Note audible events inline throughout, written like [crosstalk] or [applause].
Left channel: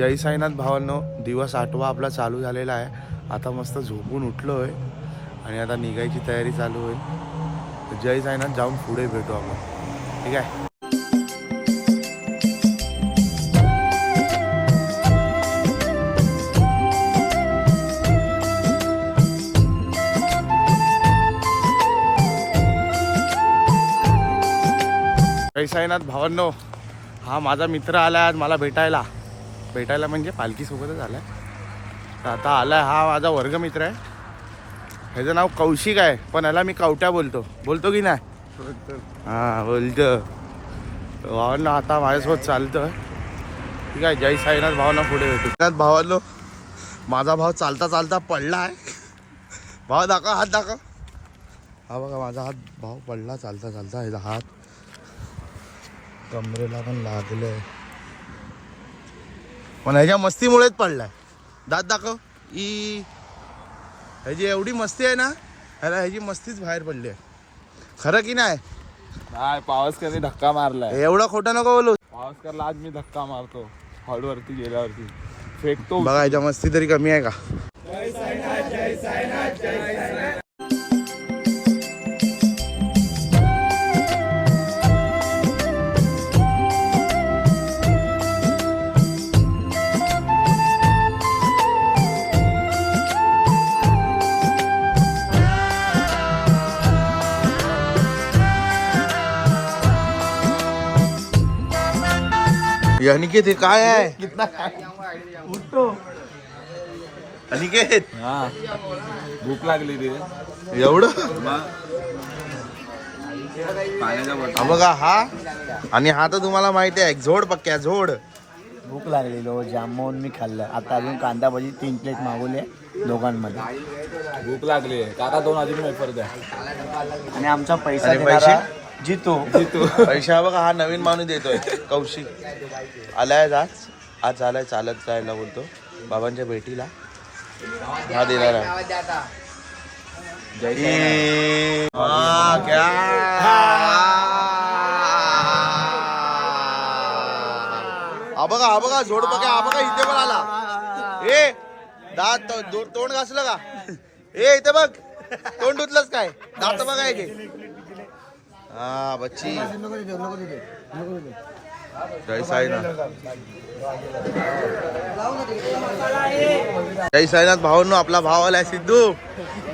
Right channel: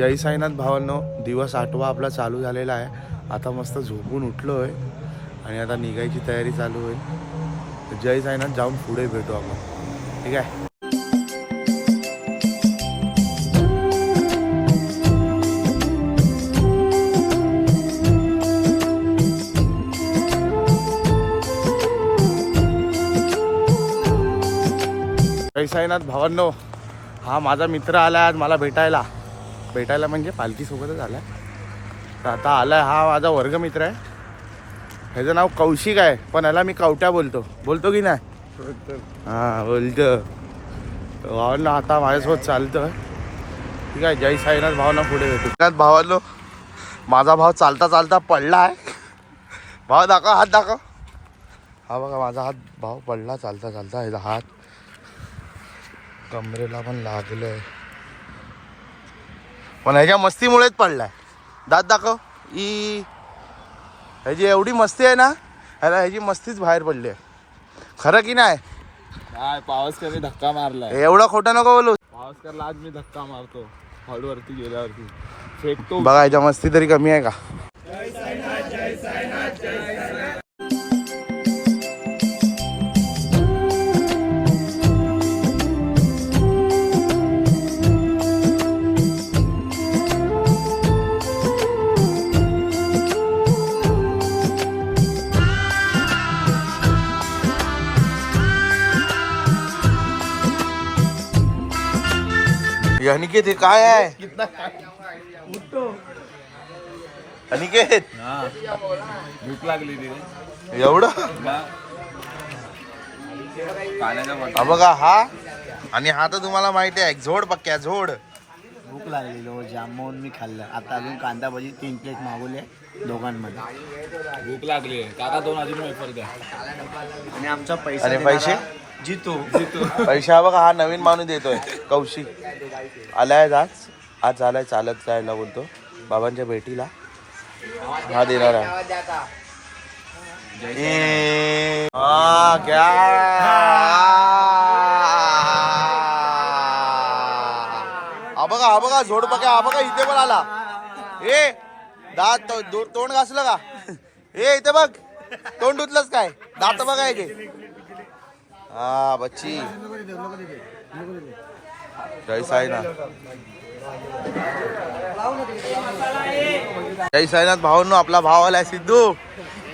जय साईनाथ भावांनो दिवस आठवा आपला चालू झालेला आहे. आता मस्त झोपून उठलो आहे आणि आता निघायची तयारी चालू होईल. जय साईनाथ जाऊन पुढे भेटू आपण. ठीक आहे? जय साईनाथ भावांनो हा माझा मित्र आला आज मला भेटायला. भेटायला म्हणजे पालखीसोबतच आलाय. तर आता आलाय हा माझा वर्गमित्र आहे. ह्याचं नाव कौशिक आहे पण ह्याला मी कवट्या बोलतो. बोलतो की नाही? हां बोलतो. भावांना आता माझ्यासोबत चालतं ठीक आहे जय साईनाथ भावांना पुढे भेटू. भावांनो माझा भाव चालता चालता पडला आहे. भाव दाखव हात दाखव. हा बघा माझा हात भाव पडला चालता चालता ह्याचा हात. कमरेला पण लागलंय. पण ह्याच्या मस्तीमुळेच पडलाय. दात दाखव. ई. ह्याची एवढी मस्ती आहे ना ह्याला ह्याची मस्तीच बाहेर पडली आहे. खरं की नाही? नाही पावसकरने धक्का मारलाय? एवढं खोटं नको बोलू. पावसकरला आज मी धक्का मारतो. हॉलवरती गेल्यावरती. फेकतो. बघा ह्याच्या मस्ती तरी कमी आहे का? अनिकेत हे काय आहे? अनिकेत? हा. भूक लागली तिथे एवढं? बॉटल हा बघा हा. आणि हा तर तुम्हाला माहिती आहे झोड पक्क्या झोड. भूक लागलेलो जामून मी खाल्लं. आता अजून कांदा भजी तीन प्लेट मागवले दोघांमध्ये. भूक लागली आहे. काका दोन अजून वेफर द्या. आणि आमचा पैसा देणारा पैसे? जितू. पैसा हा बघा हा नवीन माणूस देतोय. कौशिक. आलाय आज आज. झालाय चालत जायला बोलतो. बाबांच्या भेटीला. हा देणार आहे. हा, क्या? बघा हा बघा झोड बघा हा बघा इथे पण आला. ए दात तोंड घासलं का? ए इथे बघ. तोंड धुतलंच काय? दात बघा इथे हा बच्ची। जय साईनाथ। जय साईनाथ भावांनो आपला भाव आलाय सिद्धू.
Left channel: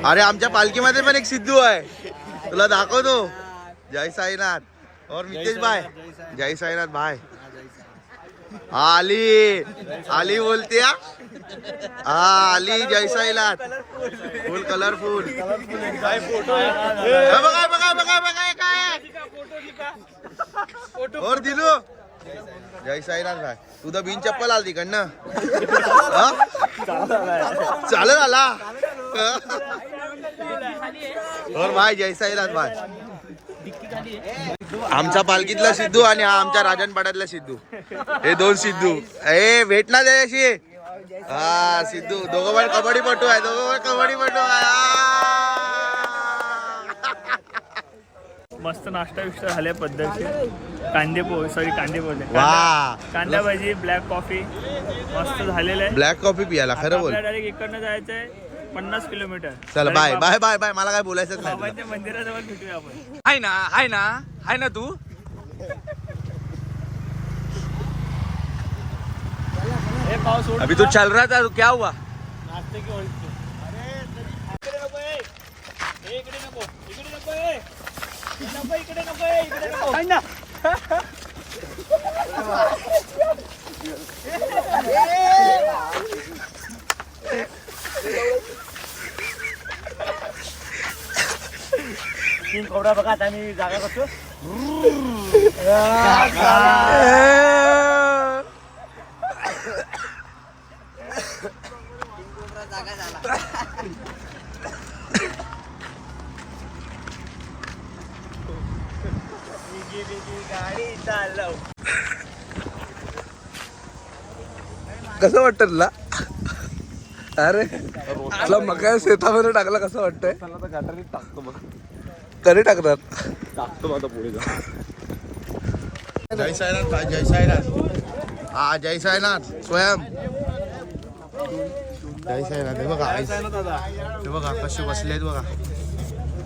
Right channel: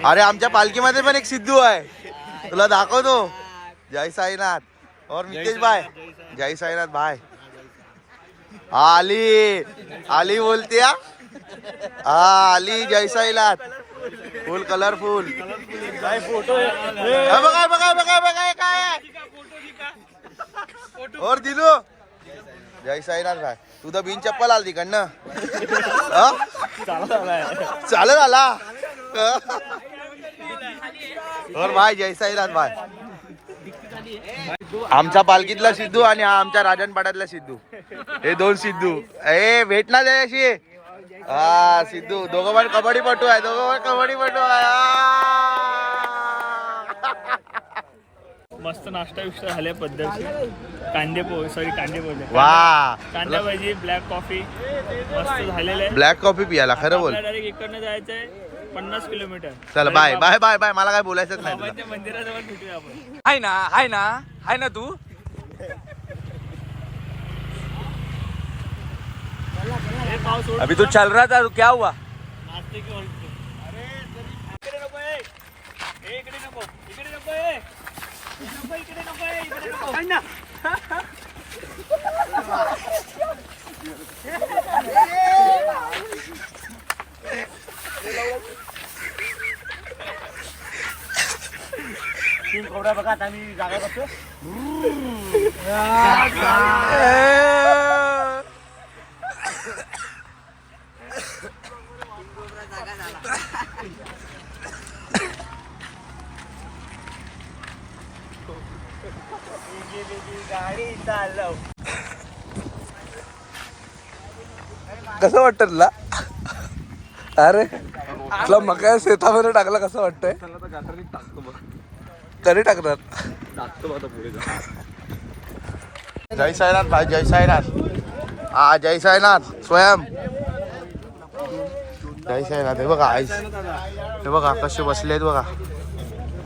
अरे आमच्या पालखीमध्ये पण एक सिद्धू आहे. तुला दाखवतो. जय साईनाथ. और नितेश भाई. जय साईनाथ भाई. आली. आली बोलते हा? हा, आली जय साईनाथ. फुल कलरफुल. बघा बघा बघा बघा काय और दिलू. जय साईनाथ भाई. तू तर बिन चप्पल आल तिकडनं चालत आला. और भाई जय साईनाथ भाई. आमच्या पालखीतला सिद्धू आणि हा आमच्या राजनपाड्यातला सिद्धू. हे दोन सिद्धू. ए भेट ना अशी हा सिद्धू. दोघं पण कबड्डी पटू आहे. दोघं पण कबड्डी पटू आहे. मस्त नाश्ता विष्टा झाल्या पद्धतशीर. कांदे पोहे सॉरी कांदे पोहे. वा. कांदा भाजी ब्लॅक कॉफी मस्त झालेलं आहे. ब्लॅक कॉफी पियाला खरं बोल. डायरेक्ट इकडनं जायचंय पन्नास किलोमीटर. चल बाय बाय बाय बाय मला काय बोलायचंच नाही मंदिराजवळ भेटूया आपण. हाय ना हाय ना हाय ना तू? अभी तू चल रहा था तो क्या हुआ? नाश्ते की तीन कोबडा बघा आता मी जागा करतो कसं वाटतं तुला? अरे तुला मका शेतामध्ये टाकला कसं वाटतंय? कधी टाकतात. जय साईनाथ भाई जय साईनाथ. हा जय साईनाथ स्वयं. जय साईनाथ हे बघा आईस. हे बघा कसे बसले आहेत बघा.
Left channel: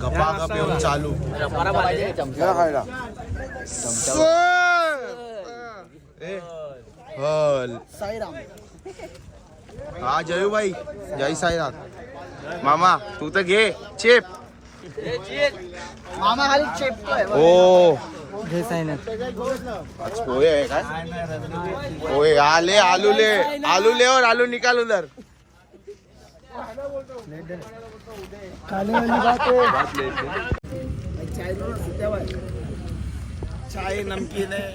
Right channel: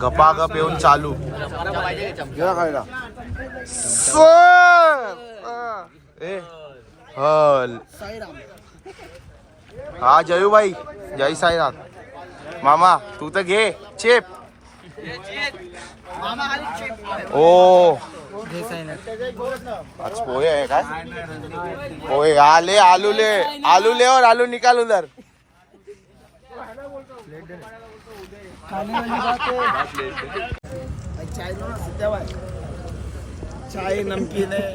गपागप येऊन चालू. ए, हल. हा जयूबाई. जय साईनाथ. मामा तू तर घे. चेप. ओ आज पोहे आहे काय? पोहे. आले आलू ले. आलू ले और आलू निकाल उधर. चाय नमकीन है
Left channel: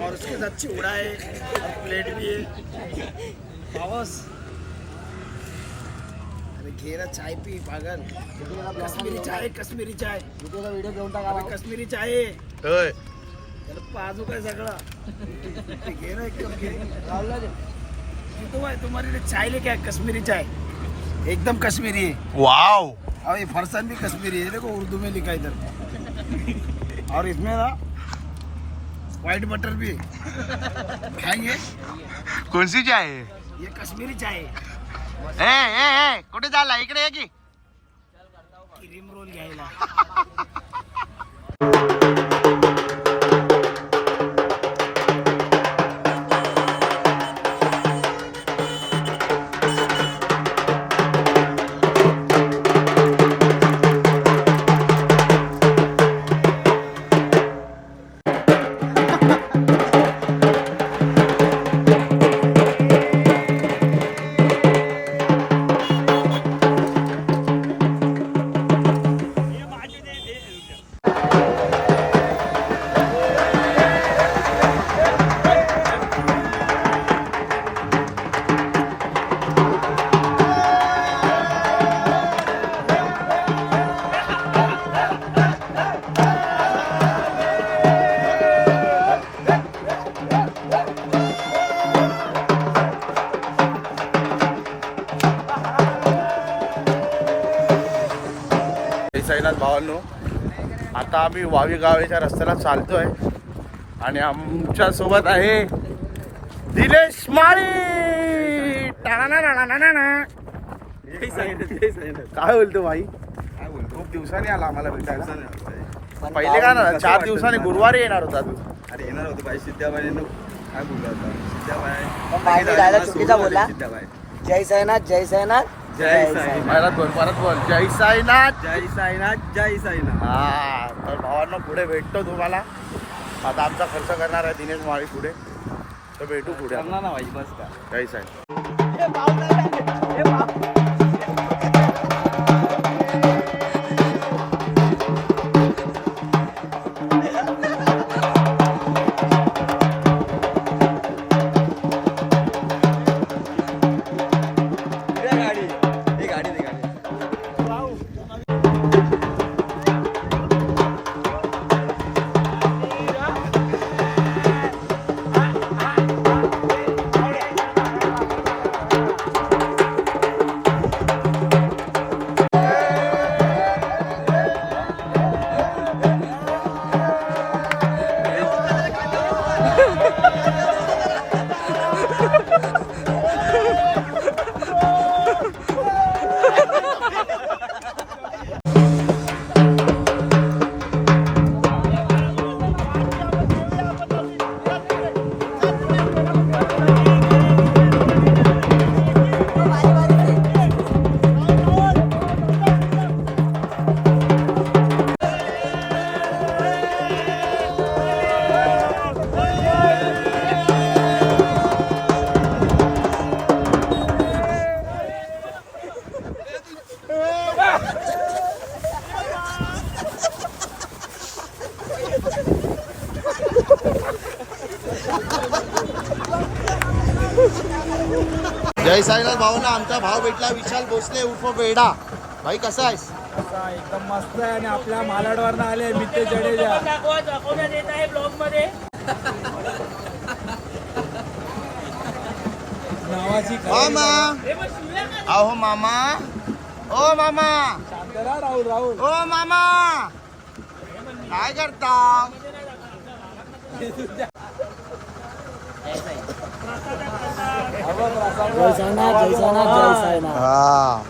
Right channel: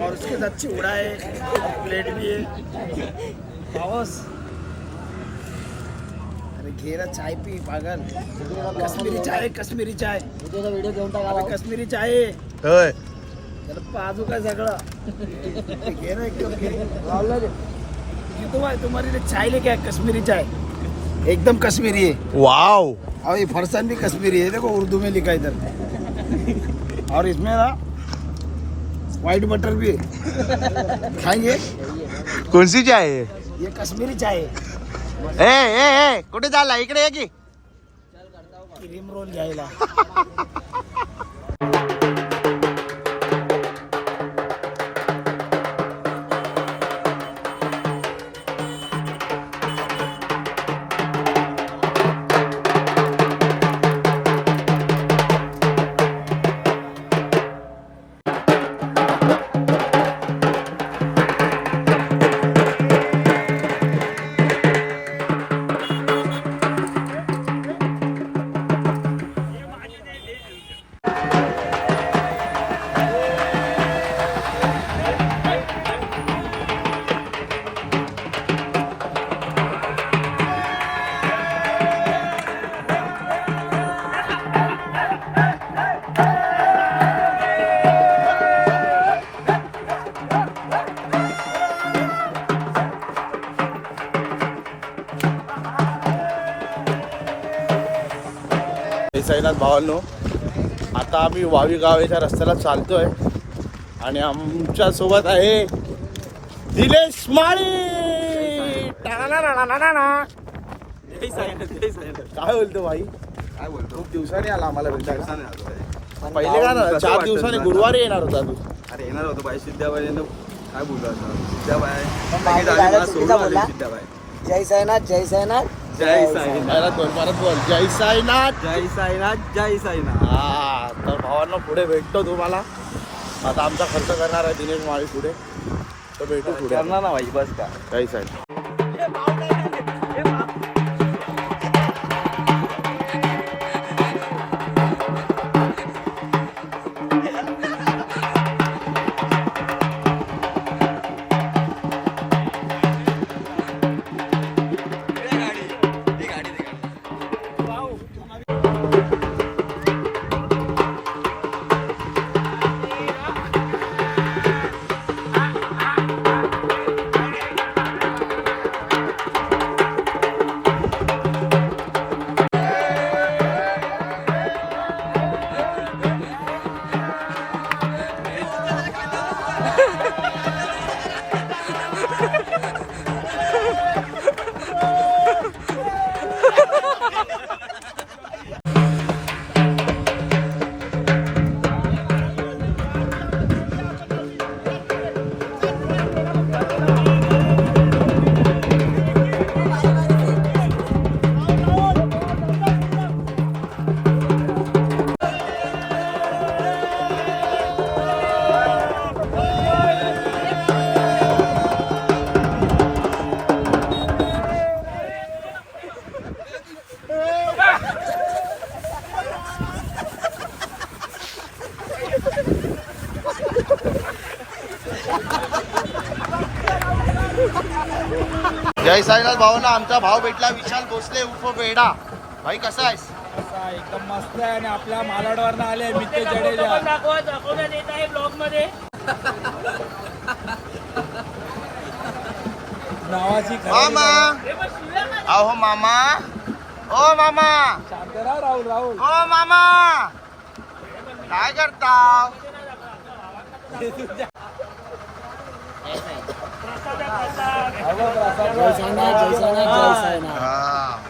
और उसके साथ चिवड़ा है और प्लेट भी है। पावस अरे घे ना चाय पी पागल। कश्मीरी चाय कश्मीरी चाय। व्हिडिओ घेऊन टाका कश्मीरी चाय आहे. त्याला पाजू काय सगळं घे ना एक कप घे ये तो भाई तुम्हारे लिए चाय लेके आए कश्मीरी चाय। एकदम कश्मीरी है। वाव और ये फरसान भी कश्मीरी है। देखो उर्दू में लिखा इधर। और इसमें ना व्हाइट बटर भी है खाएंगे कोणसी चाय आहे? ये कश्मीरी चाय है ए ए ए कुठे चालला? इकडे ये की. क्रीम रोल घ्यायला. [laughs] जय साईनाथ भावांनो. आता आम्ही वावी गावेच्या रस्त्याला चालतोय. आणि आमच्यासोबत आहे दिलेश माळी. काय बोलतो भाई? काय बोलतो? खूप दिवसांनी आला आम्हाला भेटायला. पहिले का ना चार दिवसांनी गुरुवारी येणार होता तू अरे येणार होतो बाई सिद्ध्याबाईने काय बोलतो आता? सिद्ध्याबाई जय साईनाथ जय साईनाथ. जय बोल जय साईनाथ. जय साईनाथ जय साईनाथ. हा तर भावांनो पुढे भेटतो तुम्हाला. आता आमचा खर्च करणार आहे दिनेश माळी पुढे. तर भेटू पुढे जय साई जय साईनाथ भावना आमचा भाव भेटला. विशाल भोसले उर्फ बेडा भाई कसा आहेस? एकदम मस्त आहे आणि आपल्या मालाडवरनं आले मित्य जडेजा. नावाची मामा. अहो मामा. ओ मामा. राहुल राहुल. ओ मामा. काय करता [laughs] जय साईनाथ जय साईनाथ जय साईनाथ. हा।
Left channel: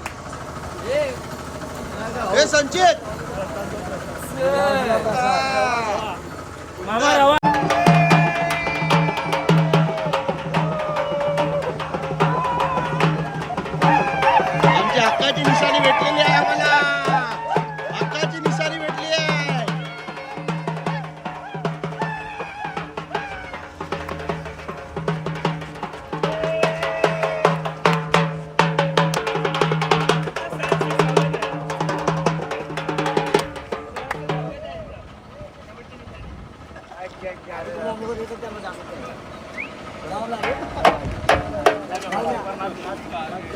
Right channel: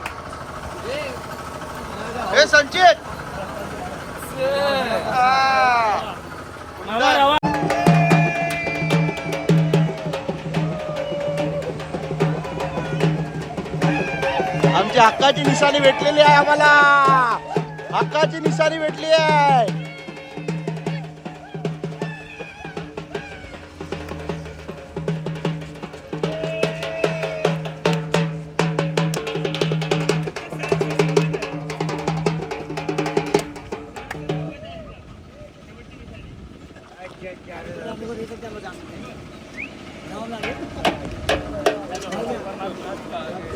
हे संचित! हा. मामा रवा आमची हक्काची निशाणी भेटलेली आहे आम्हाला. हक्काची निशाणी भेटली आहे.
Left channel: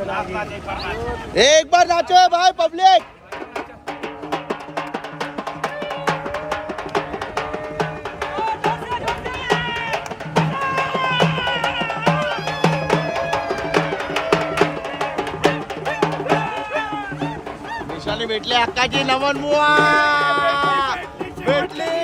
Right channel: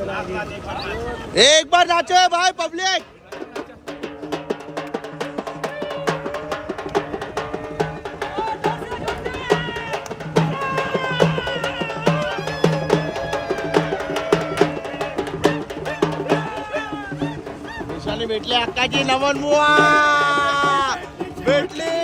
एक बार नाचो भाई पब्लिक भेटले भेटली अक्काची नमन मुआ भेटली।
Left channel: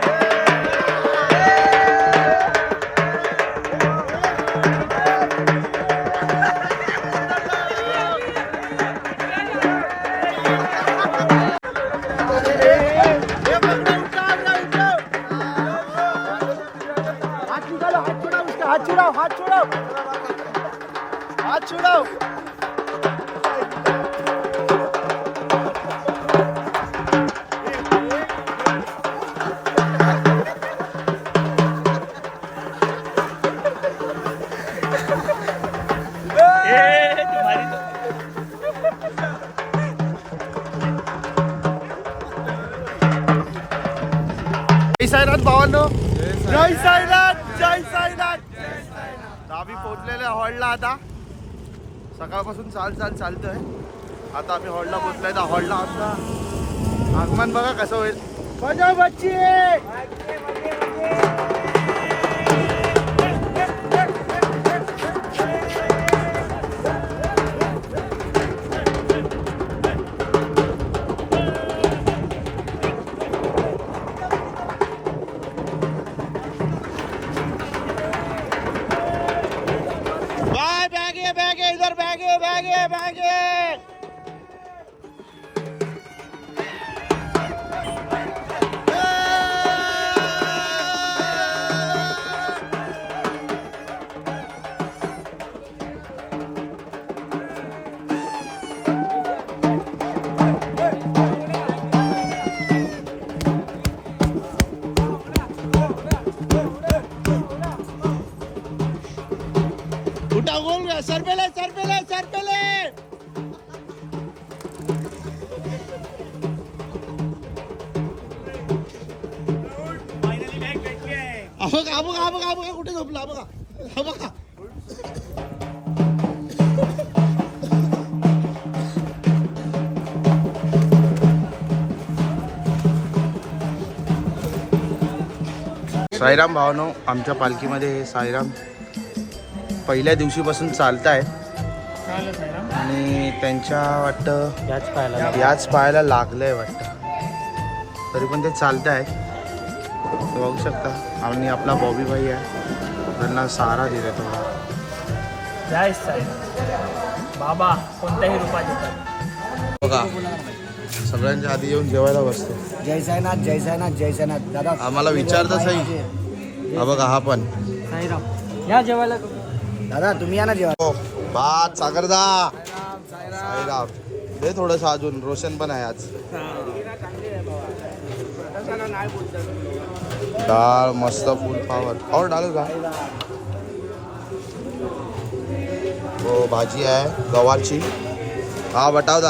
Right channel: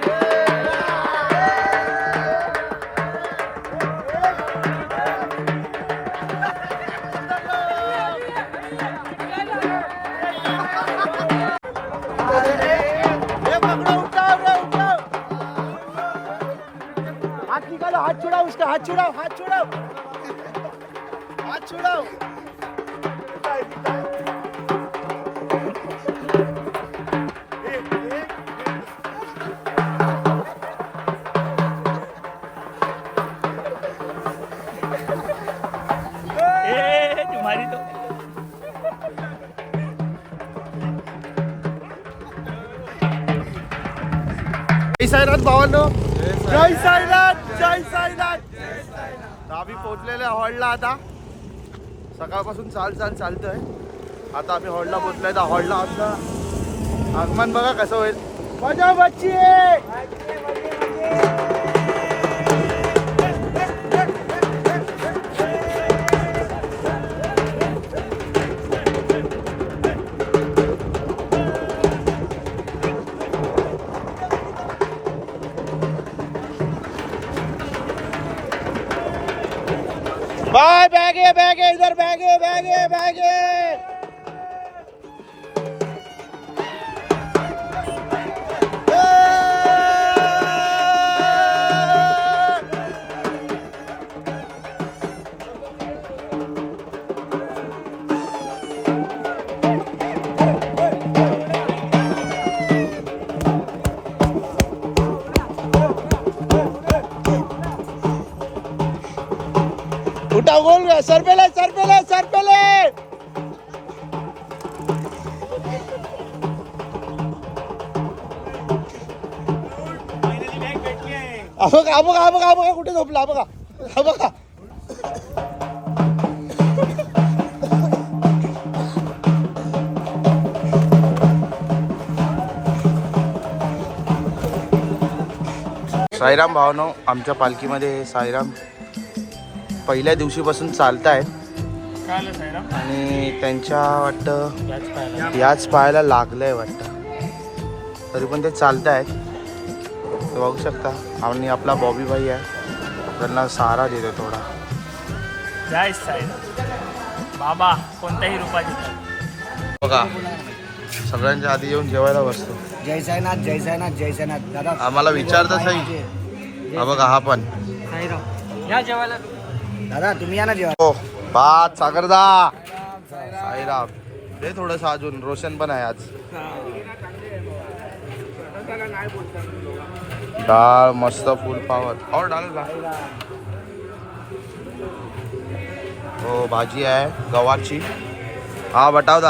हात उसका हात छुड़ाओ हात छुडव जय साईनाथ भावांनो जय आम्ही पोहोचलेलो आहे हॉलला आता. सकाळपासून चाल चाल चालतोय. आता आम्ही हॉलला पोहोचलोय. तर हॉलला आमचा आगमन बघा कसं होईल. मजा बच्ची! बैगे इधर बैगे बैगे बैगे। सरपेले सरपेले सरपेले बघा बघा बघा बघा कुठे झोपला बघा. हा बघा. साईराम भावनो आमच्या पालखीमध्ये साईराम पहिल्या दिवशीपासून चालत आहेत आणि त्यांच्या वाटतं याच पायाला लागलंय वाटतं. तरी पण ते चालत आहेत ते बघू शकता. आणि आपला बॉबी भाई आहे. त्यांना सहारा देतो थोडा. जय बाबा कोणत्याही रूपात येतात. बघा. सगळ्यांच्या आधी येऊन जेवायला बसतो. जय साईनाथ जय साईनाथ जय साईनाथ. दादा आम्हाला विचारतं सही हा बघा हा पण. साईराम. या जेवायला. दादा, तुम्ही या ना जेवा हो, भात सागरदा साईराम. दे थोडस अजून, रोशन पण आहे आज. डाळ मस्त फुल पावर. और डालू का? हो, भाजी आहे गवारची हा, बटाव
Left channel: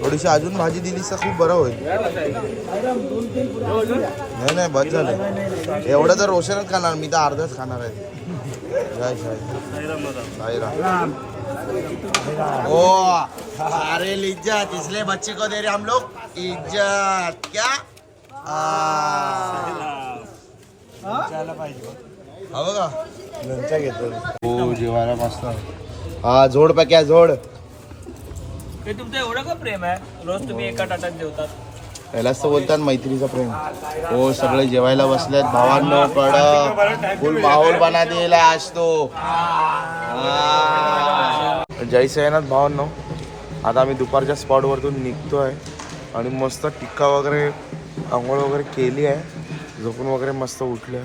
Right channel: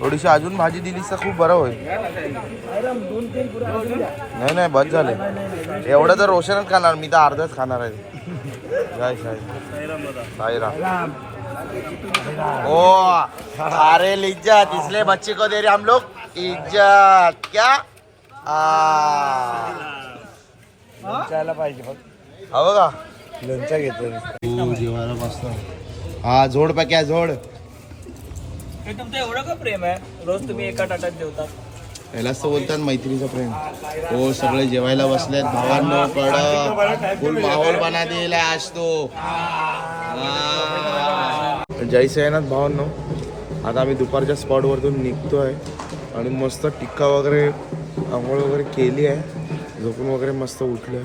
थोडीशी अजून भाजी दिलीस तर खूप बरं होईल. नाही नाही बस झालं. एवढं तर रोशनच खाणार मी तर अर्धच खाणार आहे. जय साई साईराम. ओ अरे इज्जत. इसलिए बच्चे को दे रहे हम लोग. इज्जत. क्या? हवं का हो जेवायला मस्त. हा जोड पॅक्या जोड. हे तुमचं एवढं का प्रेम आहे? रोज तुम्ही एका ताटात जेवतात. यालाच तर बोलतात मैत्रीचं प्रेम. हो सगळे जेवायला बसलेत. भावांनो कडक फुल माहोल बना दिला आज तो. जय सैनाथ भावांनो. आता आम्ही दुपारच्या स्पॉटवरतून निघतोय आणि मस्त टिक्का वगैरे आंघोळ वगैरे केली आहे. झोपून वगैरे मस्त उठलोय.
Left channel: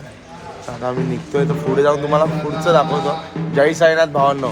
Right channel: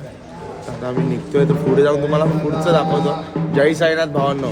आता आम्ही निघतोय. तर पुढे जाऊन तुम्हाला पुढचं दाखवतो. जय साईनाथ भावांनो.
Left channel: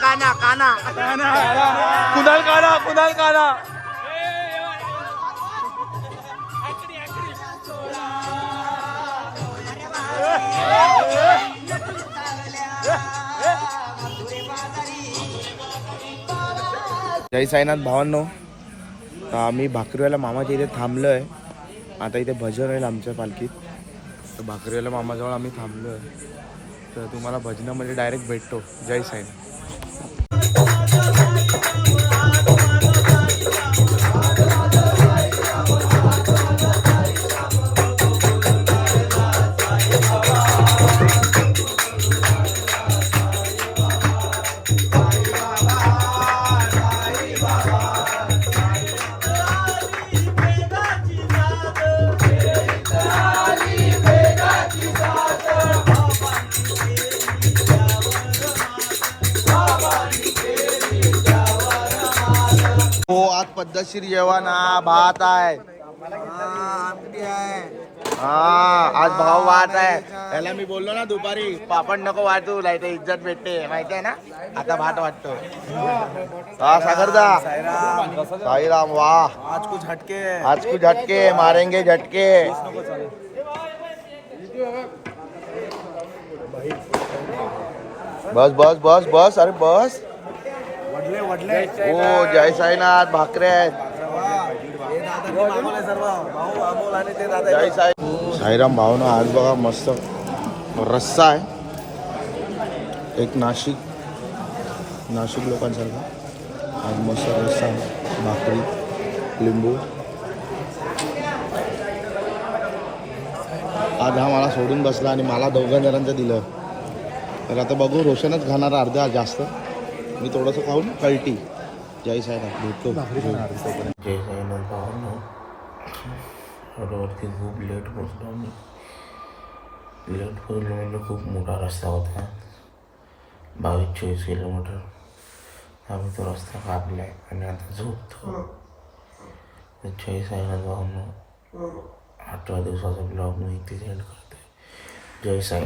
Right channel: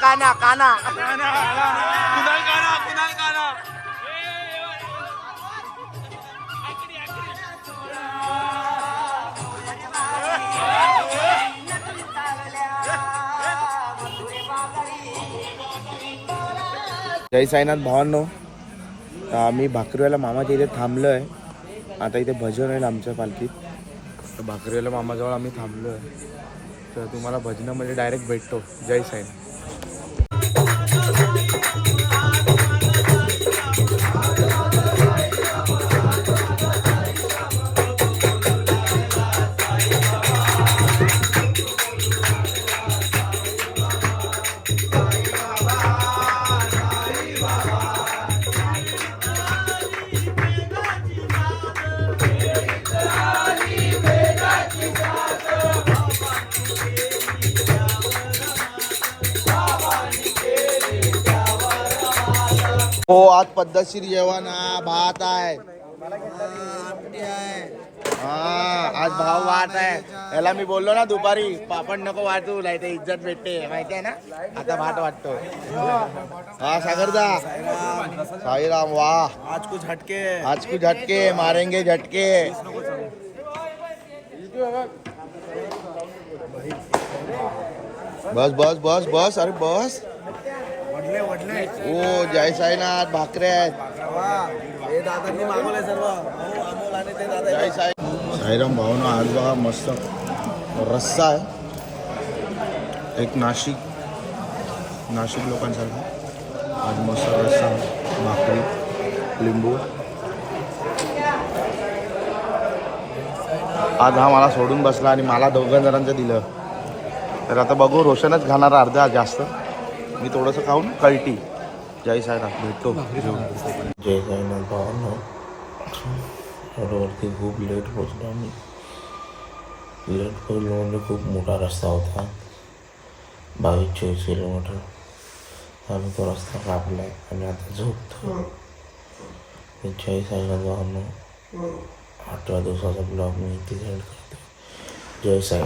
काना काना कुणाल काढा कुणाल काढा जय साईनाथ भावांनो. तर आम्ही भाकरीवाला मामाच्या इथे थांबलो आहे आता इथे भजन होईल आमच्या पालखीत. तर भाकरीवाला मामाजवळ आम्ही थांबलो आहे तर तुम्हाला भजनामध्ये डायरेक्ट भेटतो. जय साईनाथ. हो आज पद्धतशीर जेवण हा भात आहे. हा, आज भाव वाट आहे. याला मी बोललो ना दुपारी, पापड नको वाटू नाही तर इज़्ज़त भेटते, माहिती आहे ना? आता भात वाटतो हा, सागरदा. साईराम वाह आज कुछ हटके आज कुछ झटके, मारेंगे झटके. बस बस बस बस, अरे बस. हो ओ जय साईनाथ. भाकरे आहेत. जय साई साईराम भावना आज बघा मस्त रस्सा आहे. एक नाशिक नाशिक लोकांसारखा. आज मस्त रस्सा आहे भाकरी लिंबू. आज हा मला सोडून बसला आणि मला दोघं जणांचं दिलं. तर आता बघू रोशनच खाणार अर्धा जास्त. मी थोडंसं खाऊन कळटी. जय साईनाथ भेटतो जय साईनाथ भावांना. रोडवरती खूप लेट पोचलो आम्ही. लेट पोचलो म्हणजे खूप मोठा रस्ता होता. बावीस चोवीस किलोमीटर. आम्ही तो रस्ता कापलाय आणि आता झोपतो. जय साईनाथ भावनो आठव्या दिवसाचा ब्लॉग मी इथे करतो जय साई